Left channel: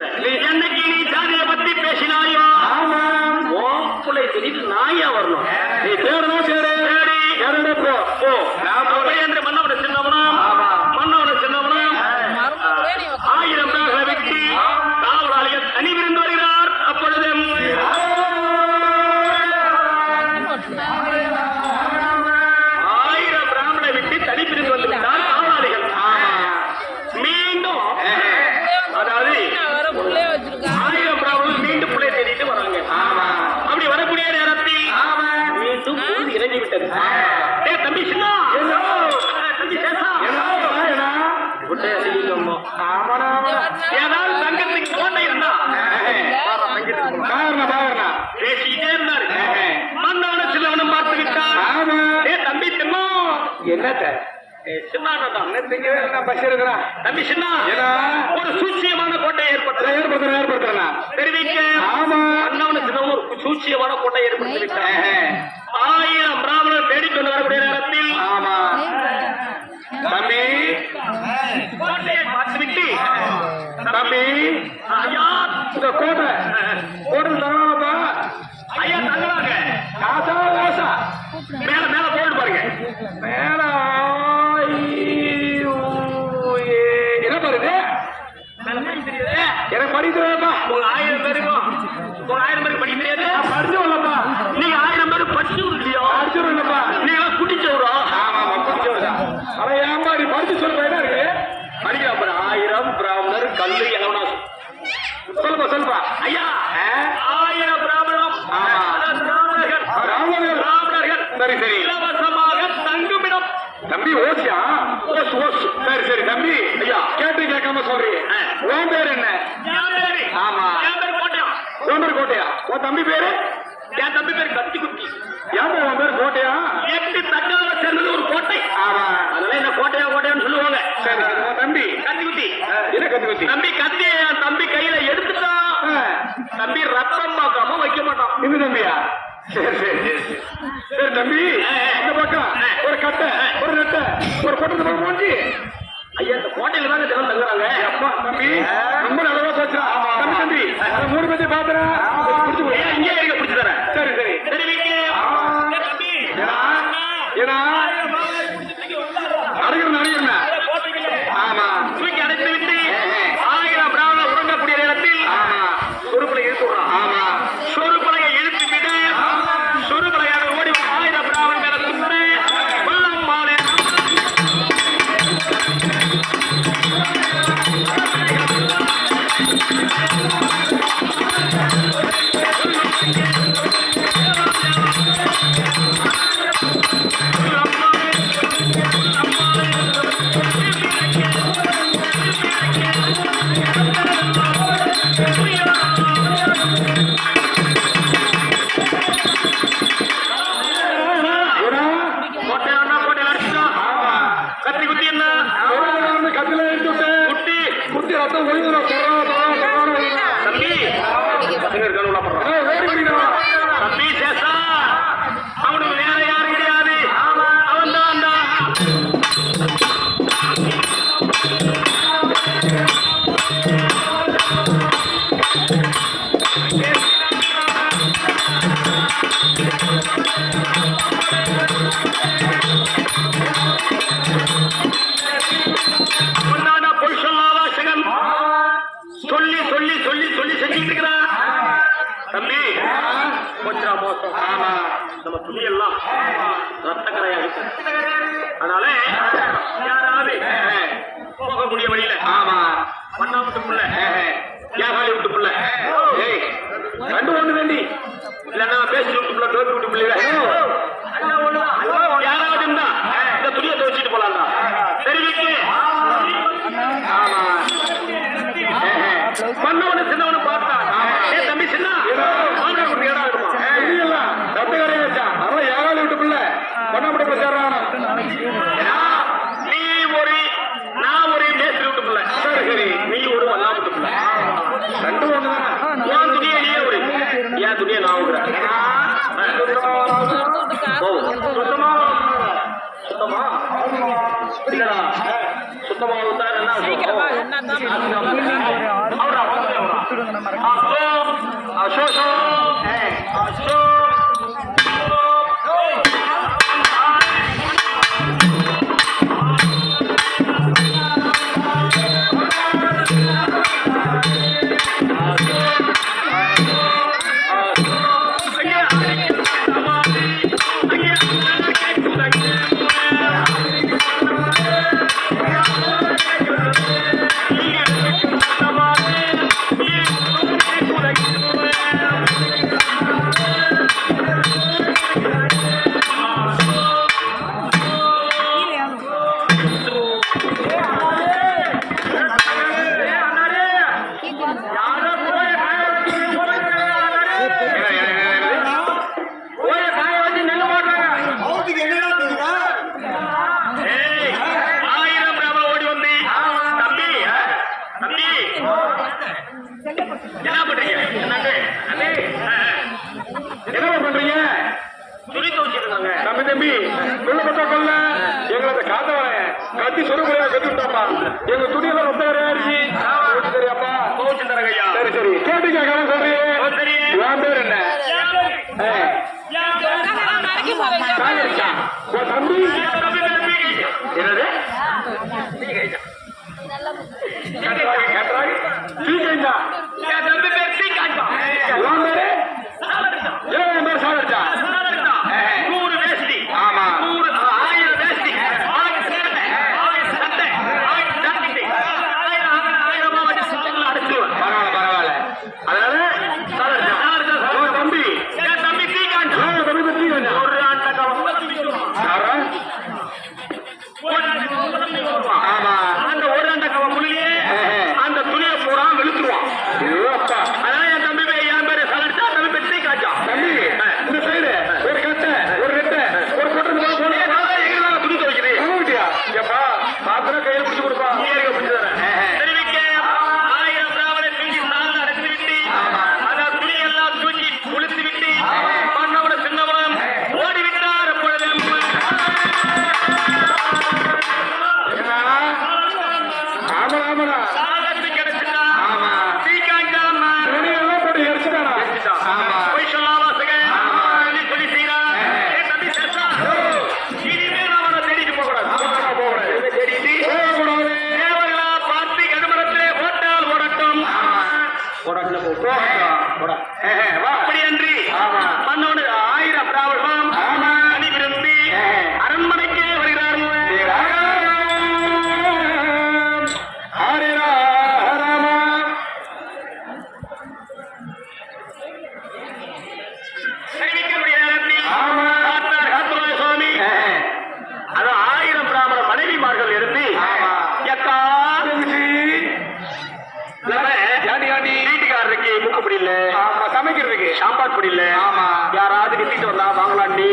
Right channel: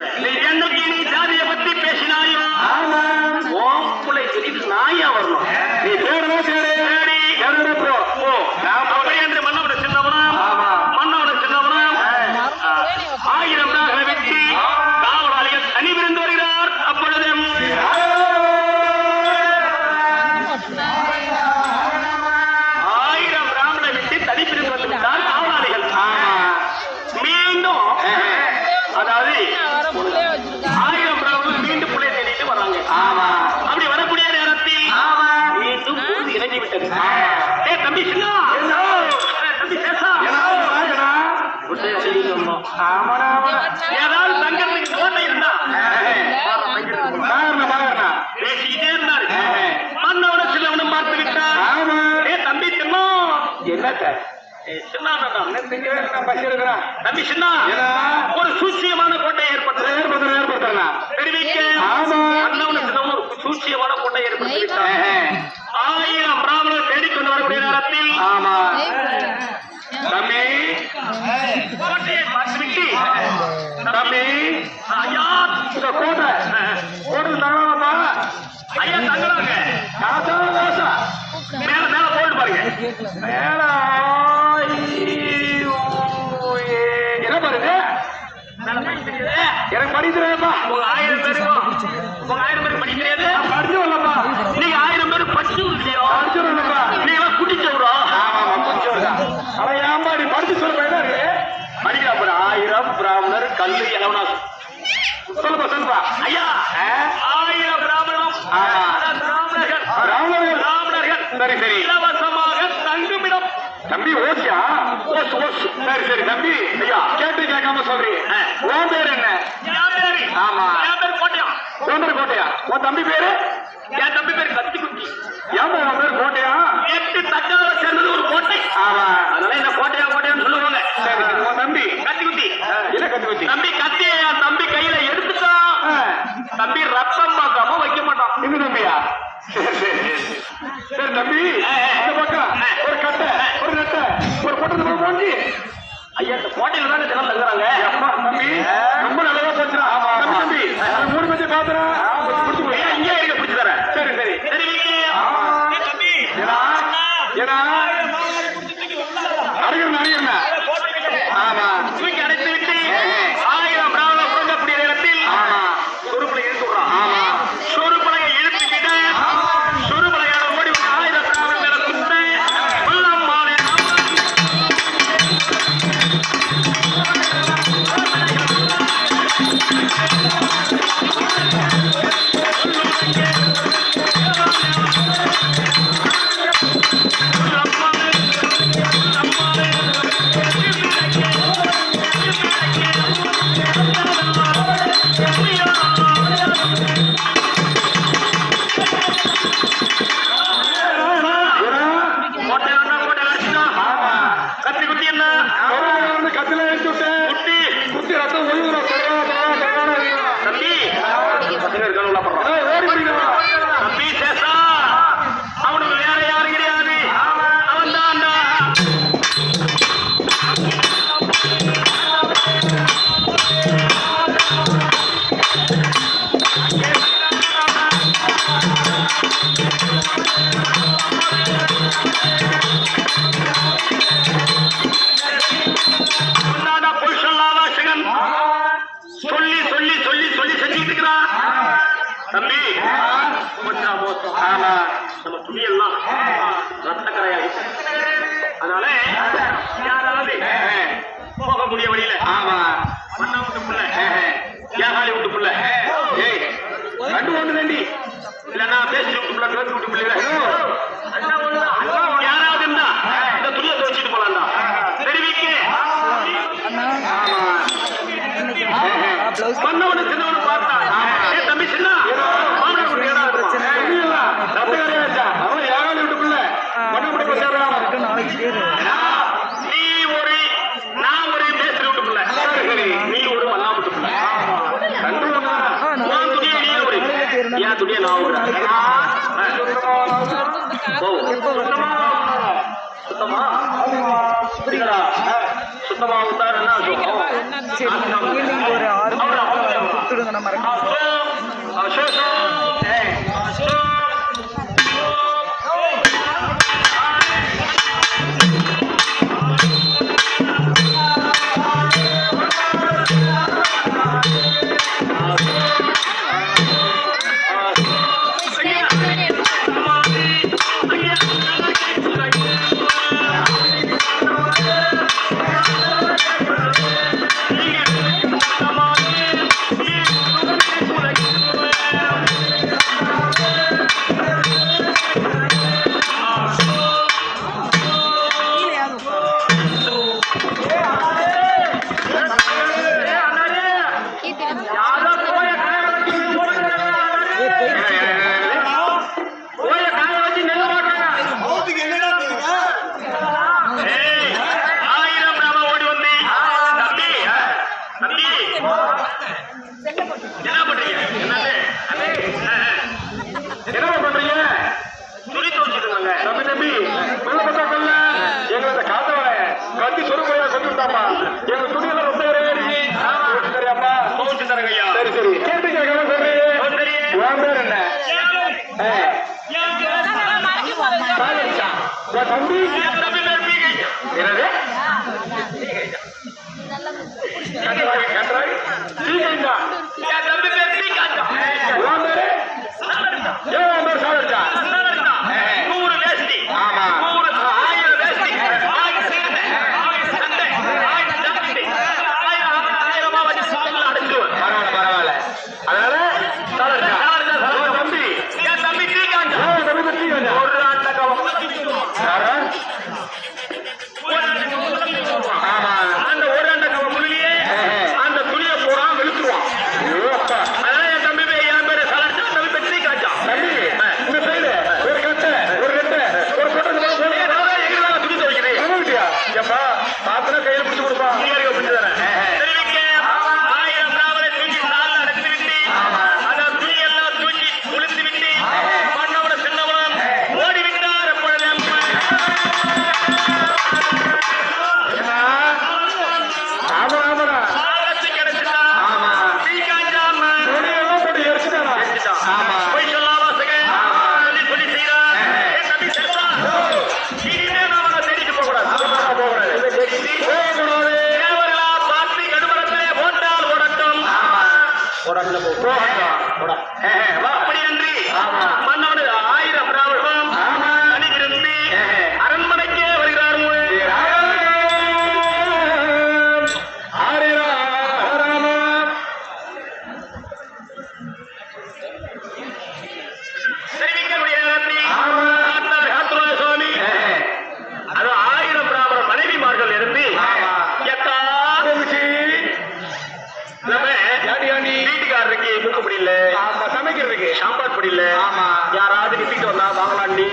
என்னைக்கு நீ ஜாதியை பத்தி பேசினாயோ ஓப்புளை சொல்லிட்டு நாயா வரணும். நீ தேடுறா தேடு போ என்று மன்னவனை சின்னவனும் மன்னவனை சின்னவனும் 1000 நாகளை வெட்டி காவலாளிகள் தனிவிருந்து வருகிறார். அப்பொழுது 1000 பிராமணனை வெட்டி தனிப்பிரிந்து வந்துவிட்டார் காவலாளிகள். மீண்டும் அதாவது 1000 பிராமணர்கள் மீண்டும் பிள்ளை தேடிட்டு வராங்க. அப்படி வரக்கூடிய நேரத்தில் மீண்டும் பொழுது இறங்கி விட்டது. தம்பி சின்னா தம்பி சேஷா ஏதாவது தங்கத்துக்கு கோட்டை இருந்தா பேசிக்கிட்டே இருந்தாரு. மன்னவனும் சின்னவனும் பார்த்து விட்டார். தம்பி சின்னா என்னட்ட தம்பி சின்னா ஒரு சூட்சியமான கோட்டை ஏற்படுத்த சூட்சியமான கோட்டை ஏற்படுத்தி விட்டார். 1000 பிராமணர் தேடிக்கொண்டு வரக்கூடிய நேரத்தில் தம்பி கோட்டையை பார்த்துவிட்டு தம்பி ஐயா இந்த கோட்டை தங்கலாமா ஐயா தங்கலாங்க மேல மேல போட்டு பாருங்க மேல என்ன பாருங்க எனக்கு படிக்கிறேன்ப்பா. உங்க 1000 பேருக்கும் உங்க 1000 பேருக்கு படிக்க தெரியாது. படிச்சு வரலப்பா. நீங்க 1000 பேருக்கு படிச்சு இல்லையோ படிச்சு வரலப்பா. நீங்க குடிச்சவரா? குடிச்சவரா? அத ஏன்பா நீ படிச்சு சொல்ல இருக்கு படிக்கிறா. 1000 பிராமணர் கல்லு எவனா சொல்லுப்பா சொல்லுப்பா ஐயா 1000 பிராமணம் பிராமணர்கள் சரி சரி இலவசமாக தங்குமிடம். தம்பி ஓசியா ஓசு சரி சரி தம்பி ஐயா கேட்டு கேட்காம சொல்றீங்க. உன் பேர் என்ன? ஆமா கோட்டையா? உன் தம்பி பேரு? என் தம்பி பேரு கத்தி குட்டி. ஏமா உன் பேர் கோட்டையா? 8 தட்டால சேர்ந்தது ஒரு கோட்டை. ஆமா அதனால என்ன கோட்டையான்னு சொல்லுவாங்க. சரி உன் தம்பி கத்தி குட்டி என்ன கத்தி குட்டி? தம்பி கத்திய என் தம்பி கையில எடுத்துட்டான். தம்பி ரத்தம் பார்க்காம வைக்க மாட்டான். இந்த தம்பியா? சரி தம்பி இந்த பக்கம் ஒரு கட்டை ஒரு நெட்டை ஒரு கொட்டை போச்சு. ஐயா இந்த கோட்டையில தாங்க தினம் தங்குறாங்க. அப்பா தம்பி ரொம்ப நல்லதா போச்சு. தம்பி 3 பேரை பாத்துறேன் இங்கே பிடிச்சு தரேன். சரி சரி சரி அடைக்கிறேன் ஆமா தூக்கி அடைத்து விட்டு 1000 பிராமணர் உறங்கக்கூடிய நேரத்தில் சொருப்பலை இழுத்து விடுறான். ஆமா சொருப்பலையை இழுத்து விட்டு சொருப்பலையாக ஓடி 1000 பிராமணர்களை குன்று கொல்லம் மாலை அவனுக்கு வேற யாரும் கிடையாது. அவன் தான் பொய் சொல்லாத சிகன் சொல்லி சொல்லி சொல்லி சொல்லி செஞ்சுட்டு இருக்கிறான். தம்பி கொஞ்சம் மோசம். ஆமா நம்ம துணியெல்லாம் ரத்தக்கரையாக அதனால யாராவது போக முடிய வழியில ஆமா மண்ணா விட்டு புள்ள ஏகாலி விட்டு புள்ள ரெண்டு ஒண்ணு வேண்டி இல்லன்னா பேசி விட்டு புள்ள டோக்கி விட்டு பிள்ளை யாராவது இருந்தா இந்த துணியை துவச்சிட்டு போலாம்டா தெரிவிக்கு. ஆமா மன்னவனு சின்னவனு பார்த்தா தம்பி சின்ன நீ ஒரு நான் ஒரு பேசி விட்டு பிள்ளை நீ ஒரு மண்ணா விட்டு பிள்ளை உன் துணியை நீயே ஒரு என் துணியை நான் விடுறேன். சுத்தமா சுத்தமா சுத்தமா என்ன பண்றீங்க? துணி துவைச்சிருக்காங்க. தம்பி தம்பி உள்ள பத்தாக்கல்ல எங்களை காத்தவன கட்டி சொருக்கையில கொத்துட்டாப்பா. எங்க துணியெல்லாம் ரொம்ப கிடையாது. சரியாப்பா துவைச்சு தரங்க ஐயா. சரி சரி கேட்டு கேட்கறேன் சொல்றீங்க. உன் பேர் என்ன? சாகரிச்சா உன் தம்பி என்னது? அப்படி அன்றி மன்னவனு 1000 பிராவணம் அணி விரும்பி அரண்மனைக்கே வருகிறார்கள். சுவாமி அது 1000 பிராமண மனைவிமார்கள் இருந்து வீட்டுக்காரருக்கு முக்கு முடியல, சமைக்கிறதுக்கு சாப்பாடு முடியல, யாராவது நிப்பிட்டு வந்தா வாங்கலாம். நீ